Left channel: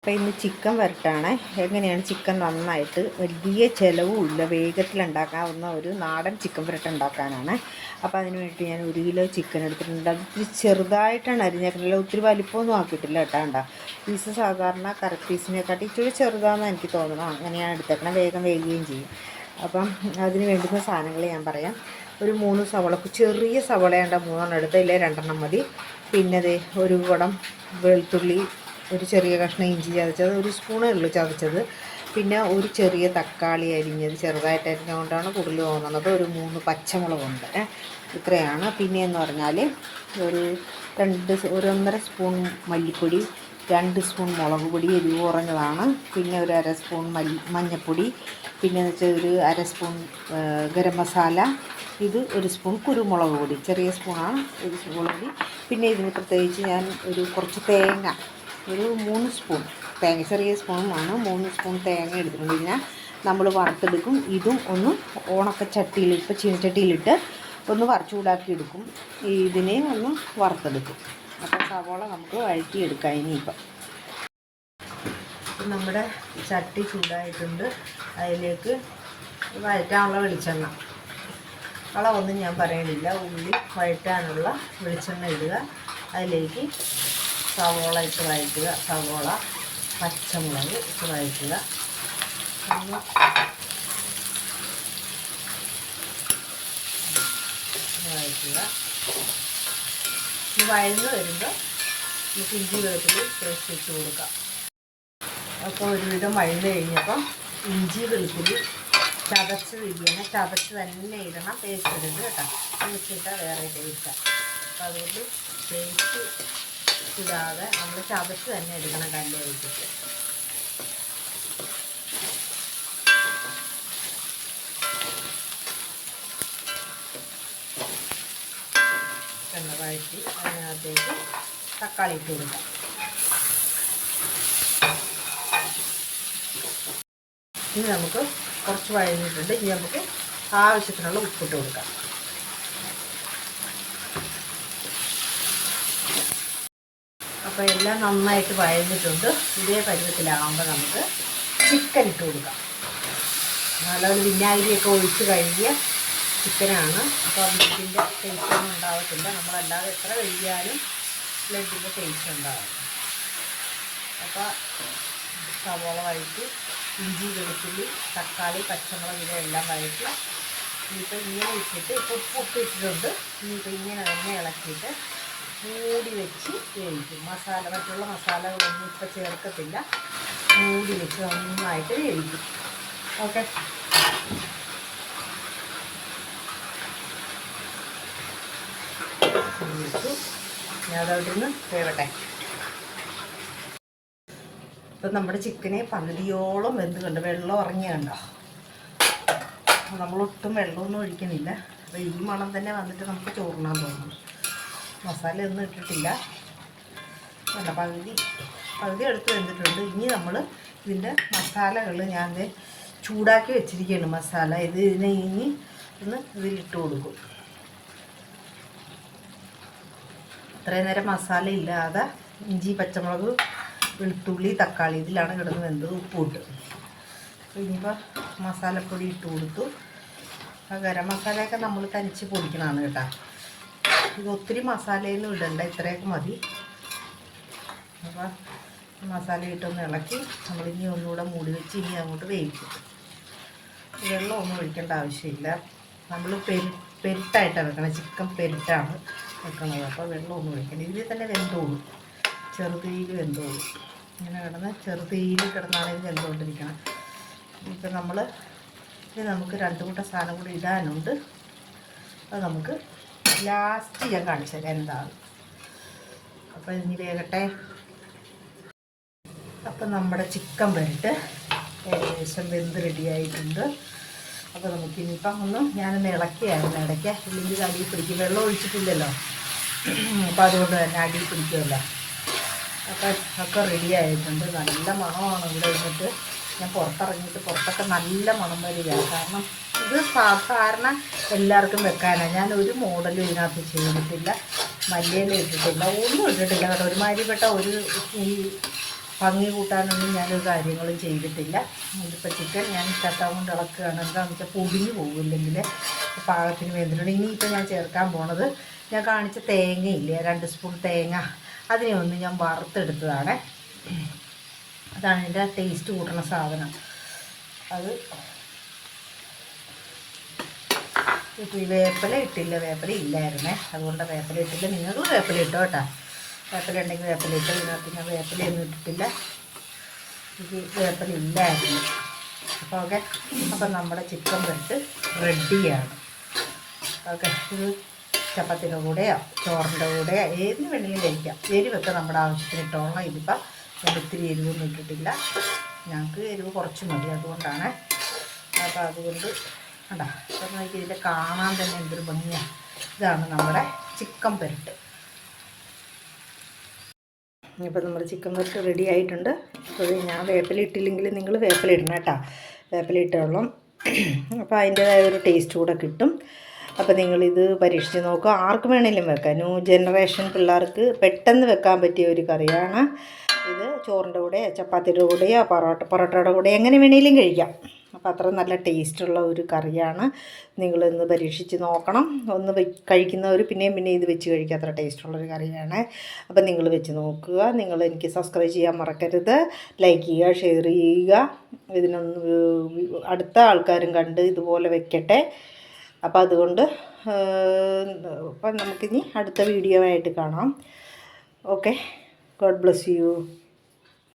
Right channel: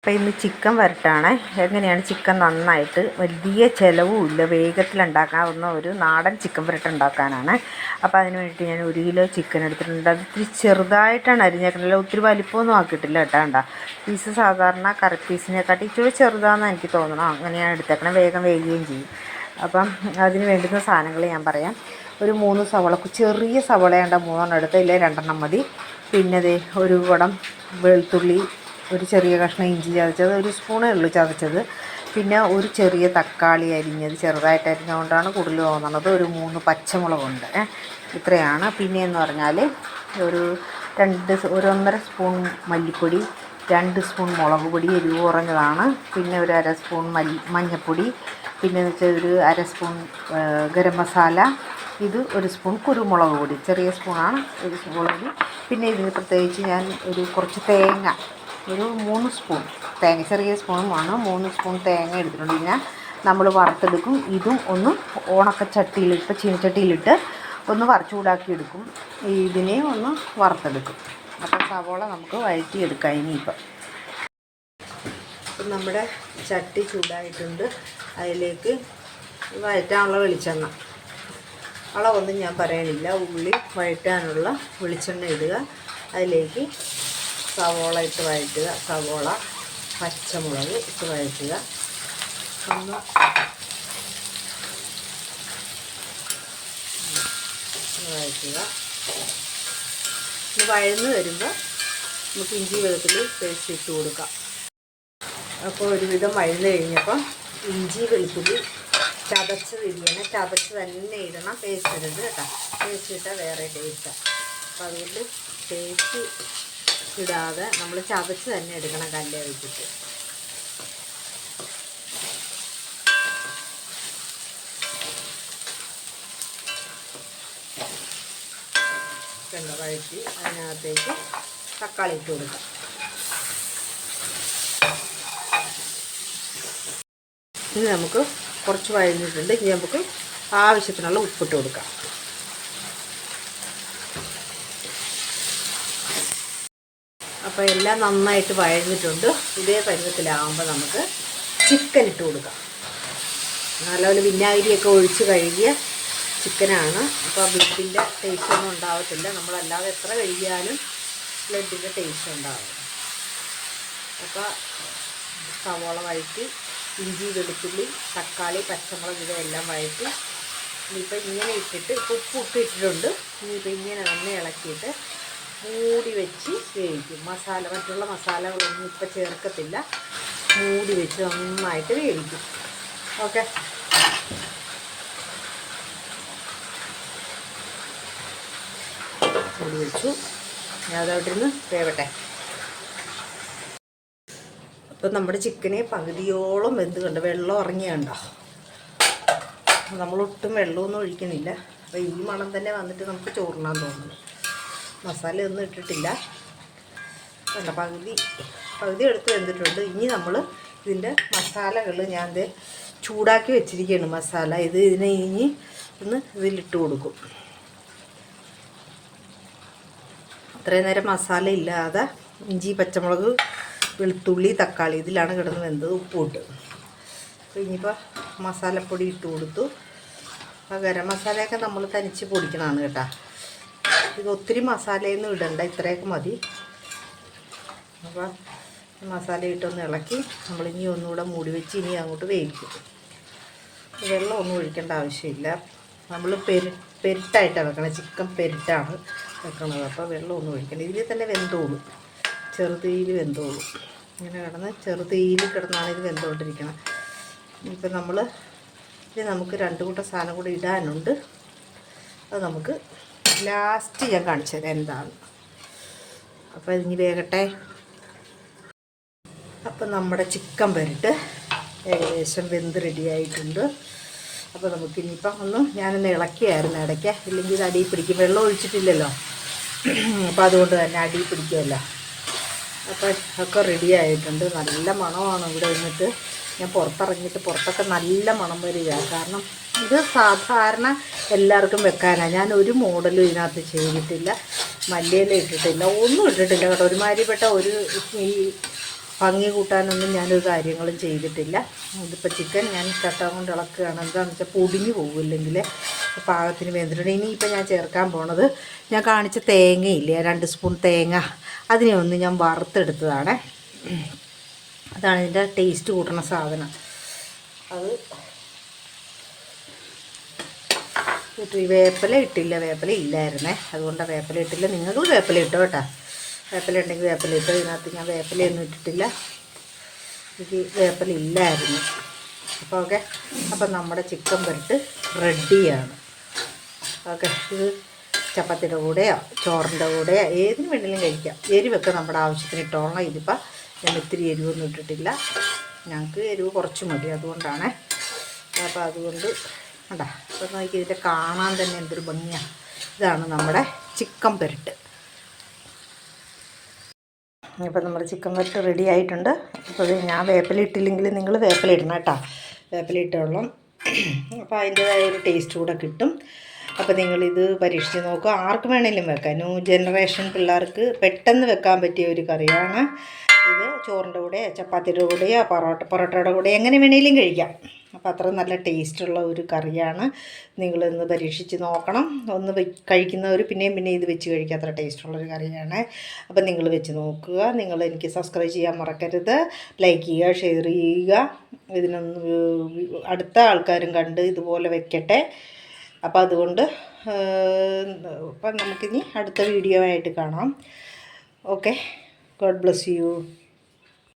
അപ്പോൾ ഇന്ന് ചിക്കൻ വരട്ടാണ്. എങ്ങനെയാണ് ചിക്കൻ നന്നായിട്ട് വലിയ ചിലവുമില്ല വേഗത്തിലുണ്ടാക്കാവുന്ന ഒരു നാടൻ ചിക്കൻ വരട്ട് ഉണ്ടാക്കാനാണ്. അപ്പോൾ അതിന് വേണ്ടിയിട്ട് ഞാൻ 1 കിലോ ചിക്കൻ എടുത്തിട്ടുണ്ട്. അത് ഇത്തിരി ചെറുതായിട്ടാണ് അരിഞ്ഞേക്കുന്നത്, ഒത്തിരി വലിപ്പമൊന്നും ആക്കിയിട്ടില്ല കേട്ടോ. പീസ് സാധാരണ കറി പീസിനെക്കാട്ടി ഇച്ചിരി ചെറുതാണെന്ന് എനിക്ക് തോന്നണം. അങ്ങനെയാണ് എടുത്തേക്കണം, വേഗം വേകുകയും ചെയ്യും. അപ്പം അതിന് വേണ്ടുന്ന സാധനങ്ങൾ ഞാൻ പറയാം. ഒരു 3 സവോള, ചെറിയ സവോളയുണ്ട്, 3 എടുത്ത്, ഇല്ലേ 2 മതി. പിന്നെ ഒരു കുടം വെളുത്തുള്ളി, ഒരു ചെറിയ കഷ്ണം ഇഞ്ചി ചതച്ചത്, 1 സ്പൂണേ ഉള്ളൂ ചതച്ചത്. പിന്നെ ഒരു ചെറിയ തക്കാളി അരിഞ്ഞത്, ചെറുതായിട്ട് അരിഞ്ഞുകൊണ്ടാണ് കൂടുതൽ തോന്നുന്നത്. ഒരു 3 പച്ചമുളകുണ്ട്. ഇത്രയാണ്. പിന്നെയെന്ന് പറഞ്ഞാൽ ഒരു 1.5 സ്പൂൺ മല്ലിപ്പൊടി, 2 സ്പൂൺ മുളക് പൊടി, എരിവ് കുറഞ്ഞതാണ്. പിന്നെ ഒരു 1/2 സ്പൂൺ മഞ്ഞൾപ്പൊടി, പിന്നെ വെച്ചാൽ ഒരു 1/2 സ്പൂൺ ഗരം മസാല, ഇത് 1 സ്പൂൺ കുരുമുളക് പൊടി, ചെറിയ സ്പൂണാണ് 1 സ്പൂൺ മുളക് പൊടി. പിന്നെ ഇതിന് പ്രത്യേകിച്ച് ഞാൻ കുറച്ച് തേങ്ങ, ഒരു 3 സ്പൂൺ തേങ്ങ, ചെറിയ സ്പൂണുമാണ്, 3 സ്പൂൺ തേങ്ങ എടുത്തിട്ടുണ്ട്. പിന്നെ നമ്മൾ വറുത്തെടുക്കും. ഇതും ഒന്ന് ചട്ടിയിലിട്ട്, ചീനച്ചട്ടിയിലിട്ട് ഒന്ന് ചൂടാക്കി എടുക്കും. ഇതിനെ ഒന്ന് വറുത്തെടുക്കും. അപ്പോൾ സവോള നമുക്ക് വഴറ്റിയെടുക്കാം. ഇനിയിപ്പം നമ്മുടെ ചട്ടി ചൂടായിട്ടുണ്ട്. അതിലേക്ക് വഴറ്റാനുള്ള വെളിച്ചെണ്ണ, അളവൊന്നും ഞാൻ പറയണില്ല. ഉള്ളി വഴറ്റാനുള്ള വെളിച്ചെണ്ണ ഇടുക. അതിലേക്ക് സവോള ഇട്ട് വഴറ്റുക. സവോള, പച്ചമുളക് ഇട്ട് വഴറ്റുക. ഒന്ന് വഴറ്റുക. ഇത് വഴന്ന് വരുമ്പോൾ നമുക്ക് ഇഞ്ചി വെളുത്തുള്ളി പേസ്റ്റ് ഇട്ട് കൊടുക്കാം. അപ്പോൾ ഒരുവിധം വഴന്ന് കഴിഞ്ഞപ്പോൾ ഇഞ്ചി വെളുത്തുള്ളി ചതച്ചത് ഇങ്ങനെ ചതച്ച് തന്നെ ഇടണം, പേസ്റ്റ് ഇടരുത് കേട്ടോ. പേസ്റ്റ് ഇട്ടാൽ വേറെ ടേസ്റ്റാണ്. അപ്പോൾ അതുകൊണ്ട് പേസ്റ്റ് ഇടാതെ നമ്മൾ ചതച്ച് തന്നെ എടുക്കണം, കല്ല് വെച്ചിട്ട്. എണ്ണ വഴറ്റി അതിനകത്തേക്ക് തക്കാളി ഇട്ട് കൊടുക്കാം. ഇനി നമുക്ക് കുറച്ച് വഴഞ്ഞിട്ടുണ്ട്. ഇനി നമുക്ക് ആവശ്യത്തിനുള്ള ഉപ്പിട്ട് കൊടുക്കാം. അപ്പോൾ എല്ലാം നന്നായിട്ട് വഴഞ്ഞിട്ടുണ്ട്. ഇതേ പരുവത്തിലാകുമ്പോൾ നമുക്ക് ചിക്കൻ ഇട്ട് കൊടുക്കാം. നല്ലപോലെ വിനാഗിരിയൊക്കെ ഒഴിച്ച് കഴുകിയ ചിക്കനാണ്. അപ്പോൾ ബ്ലഡിൻ്റെ ടേസ്റ്റ് ഒന്നും ഉണ്ടാകത്തില്ല. നമ്മളല്ലാതെ എത്ര കഴുകിയാലും ബ്ലഡിൻ്റെ ടേസ്റ്റ് ഉണ്ടാകും. അപ്പോൾ സവോള വഴറ്റി, ഇഞ്ചി വെളുത്തുള്ളി തക്കാളി പച്ചമുളക് ഇതെല്ലാം വഴറ്റി. ഇനിയിപ്പോൾ ഇങ്ങനെ ഇട്ടിട്ട്, ഇപ്പോൾ ഉപ്പ് ഇട്ടിട്ടുണ്ട്. ഇനിയിപ്പോൾ ഇങ്ങനെ തന്നെ ഇളക്കിയിട്ട് മൂടി വെച്ച് വേവിക്കും. മറ്റുള്ള മസാലകളൊന്നും ഇപ്പോൾ ചേർക്കത്തില്ല. മൂടി വെച്ച് നന്നായിട്ട് വേവിക്കും. ഓക്കെ, വെച്ചു. ഞാൻ അതവിടെ നിന്ന് വേവട്ടെ. ഇപ്പം നമ്മുടെ ചിക്കനെ പകുതിയോളം വെന്ത് കണ്ടോ, വെള്ളം ഇറങ്ങിയുണ്ടോ. നമ്മളൊട്ടും വെള്ളമൊന്നും ഒഴിക്കുന്നില്ല. അപ്പോൾ ഈ മണം തന്നെ വന്നിട്ട് നമുക്ക് ചോറിനാൻ തോന്നുന്നു. മസാല ഒന്നും ഇട്ടിട്ടില്ല. അല്ല, പകുതി എടുത്ത് വെന്തിട്ടുണ്ട്. ഇനി നമ്മൾ ഇതിൻ്റെ മസാലകൾ ഞാൻ ചൂടാക്കി വെച്ചിരിക്കുകയാണ്. മസാല ഇതിനെ ഇനി ഇതിലിട്ട് കൊടുക്കും. ഇത്രയും നേരം മസാല ഇല്ലാതെ ഇഞ്ചി പച്ചമുളക് വെളുത്തുള്ളി തക്കാളി ഇതിലാണ് കിടന്ന് വെന്തത്. ഉപ്പിട്ട് അപ്പോൾ ഇനിയിപ്പോൾ മസാലപ്പൊടി ഇട്ട് കൊടുത്തു. അപ്പോൾ ഗരം മസാലയൊക്കെ നമ്മൾ തനിച്ച് പൊടിക്കണതാണ് കേട്ടോ. ഇത് ഒത്തിരി മസാലയൊന്നും ഇടണ്ട, ഇത്രയൊക്കെ മതി. അപ്പോൾ മസാല ഇട്ടൊന്ന് ഇളക്കി നമ്മളിനി ഒന്നുകൂടെ മൂടി വെച്ച് ഇനി അങ്ങോട്ട് വേവിക്കും. വെള്ളമൊന്നും ഒഴിക്കേണ്ട ആവശ്യമില്ല. നമ്മൾ പെരുട്ടായിട്ടാണ് വെക്കണം. ചിക്കൻ പെരുട്ടാണ് വെക്കുന്നത്. അപ്പോൾ വെള്ളമൊന്നും ഒഴിക്കേണ്ട. ഇതിൽ തന്നെ വെന്തോളും, ചെറുതീയിൽ വെന്തോളും. ഇങ്ങനെ കിടന്ന് ചെറുതീയിൽ കിടന്നാണ് ഇത് വെന്തുകൊണ്ടിരിക്കണം. ഇപ്പം നമുക്ക് 2 കൂട്ടം സാധനം കൂടി ഇടാനുണ്ട്. അത് നമുക്ക് ലാസ്റ്റ് ഞാൻ കാണിച്ചു തരാം എന്താണ്. അപ്പോൾ ഇനി വേകട്ടെ. അപ്പം നമ്മുടെ ചിക്കൻ വരട്ട് ഏകദേശം വെന്ത് റെഡിയായിട്ടുണ്ട്. അപ്പോൾ നമുക്കിനിയിപ്പം ഞാനൊന്ന് ഇളക്കിയായിരുന്നു ഇടയ്ക്ക്, ഇല്ലെങ്കിൽ ഇത് അടിയിൽ പിടിക്കും. വെള്ളം ഒഴിച്ചിട്ടില്ലല്ലോ, അപ്പോൾ അതുകൊണ്ട് തന്നെ അടിയിൽ പിടിക്കുമല്ലോ. അപ്പം ഒക്കെ റെഡി ആയിട്ടുണ്ട്. നല്ല മണമാണ് ഇവിടെ ഇരുന്നിട്ട്. ഞാൻ പുറത്തിറങ്ങിയിട്ട് പുറത്തൊക്കെ നല്ല മണം വരികയാണ്. കാരണം ഇത് സാധാരണ എല്ലാവർക്കും വെക്കാനാണ്. ഞാൻ ഒരു മോഡലും ഇതിനകത്ത് ചെയ്തിട്ടില്ല, മല്ലിയില ഇട്ടിട്ടില്ല, ഒന്നും ഇട്ടിട്ടില്ല കേട്ടോ. ഒരുമാതിരിപ്പെട്ട ഒരു ഭംഗി കൂട്ടാനൊന്നും ഞാനൊരു കാര്യങ്ങളും ചെയ്തിട്ടില്ല. ഇതിപ്പോൾ ചിക്കൻ ഞാൻ തട്ടാൻ കൊണ്ട് ഇളക്കുകയാണ്. എന്താണെന്ന് വെച്ചാൽ പൊടിഞ്ഞു പോകുമില്ലെങ്കിൽ പാകത്തിന് വെന്തിട്ടുണ്ട്. ഇനിയിപ്പോൾ ഞാൻ ചേർക്കാൻ പോണത് ഞാൻ കാണിച്ച തേങ്ങയില്ലേ, 2 സ്പൂൺ തേങ്ങ, അതിനെ ഒന്ന് ഞാൻ വറുത്തെടുത്തതാണ്. അതാണ് ഇതിൻ്റെ ടേസ്റ്റ് കൂട്ടുന്ന സാധനം. അത് ഇപ്പോൾ ഈ വേപ്പില ഇട്ടില്ല, വേപ്പില ഇല്ലായിരുന്നേ, അതുകൊണ്ടാണ് വേപ്പില ഇട്ടില്ല. നിങ്ങൾക്ക് വേപ്പില ഇട്ടോ കേട്ടോ, വേപ്പില ഉണ്ടെങ്കിൽ വേപ്പില ഇട്ടോ. ഇതിനകത്ത് ഞാൻ വേപ്പിലയൊന്നും ഇട്ടിട്ടില്ല, ഇത് വേപ്പില ഇല്ലായിരുന്നു. അപ്പോൾ ഓക്കെ, അപ്പം നമ്മുടെ ചിക്കൻ പുരട്ട് റെഡിയാണ്. ഓക്കെ, ഇത് ചപ്പാത്തിയുടെ കൂടെയോ ചോറിൻ്റെ കൂടെയോ ഏതിന് വേണമെങ്കിലും കഴിക്കാം. എരിവൊക്കെ നമ്മുടെ ആവശ്യത്തിന് ഇട്ടോളാം. ഇതിപ്പോൾ ഞാൻ ഇത്തിരി എരിവൊന്നും ഇട്ടിട്ടില്ല, ഞങ്ങൾക്ക് എരിവ് കുറച്ച് മതി, അതുകൊണ്ടാണ്. അപ്പോൾ അതുകൊണ്ട് കണ്ടാ, അപ്പോൾ നോക്കി ഇതിൻ്റെ കാണാൻ തന്നെ എന്തൊരു ഭംഗിയാണ്. ഇതാണ് നമ്മുടെ ചിക്കൻ പുരട്ട്. ഇപ്പോൾ നമ്മുടെ ചിക്കൻ പുരട്ട് റെഡി ആയിട്ടുണ്ട്. അപ്പോൾ ഞാൻ വേപ്പില ഇട്ടില്ലെങ്കിൽ നിങ്ങൾ വേപ്പില ഇടണം കേട്ടോ, വേപ്പില ഇട്ടോളാം. അപ്പോൾ അതിൻ്റേതായ ഒരു ടേസ്റ്റ് കൂടെ കിട്ടും. അപ്പോൾ നിങ്ങളിത് പരീക്ഷിച്ച് നോക്കുക. ആർക്ക് വേണമെങ്കിലും വെക്കാം. ന്യൂ ജനറേഷൻ പിള്ളേർക്ക് പെട്ടെന്ന് വെക്കാൻ പറ്റിയ ഒരു കറിയാണ് ഇത്. ചോറിൻ്റെ കൂടെ, ചപ്പാത്തിയുടെ കൂടെയോ പൊറോട്ടയുടെ കൂടെ എങ്ങനെ വേണമെങ്കിലും കഴിക്കാം. അപ്പോൾ അത്ര നല്ല ടേസ്റ്റുള്ള ഒരു കറിയാണ്. നിങ്ങളിന്ന് പരീക്ഷിച്ച് നോക്കണം. ഒന്ന് കഴിക്കുന്നവർ പിന്നെയും ഇത് വെച്ച് കഴിക്കുക. അത്ര ടേസ്റ്റുള്ളൊരു കറിയാണ്. അപ്പോൾ നിങ്ങൾ വെച്ച് നോക്കുക. നിങ്ങൾ എനിക്ക് സബ്സ്ക്രൈബ് ചെയ്യാൻ മറക്കരുത്. ലൈക്ക് ചെയ്യുക, ഷെയർ ചെയ്യുക. ഇതിനൊന്ന് അടുത്ത ആൾക്കാരും കണ്ട് ഇതുപോലെ വെക്കട്ടെ. അപ്പോൾ അതുകൊണ്ട് അപ്പം നമുക്കിനി അടുത്ത വീഡിയോ ആയിട്ട് കാണാം. Okay, God bless you.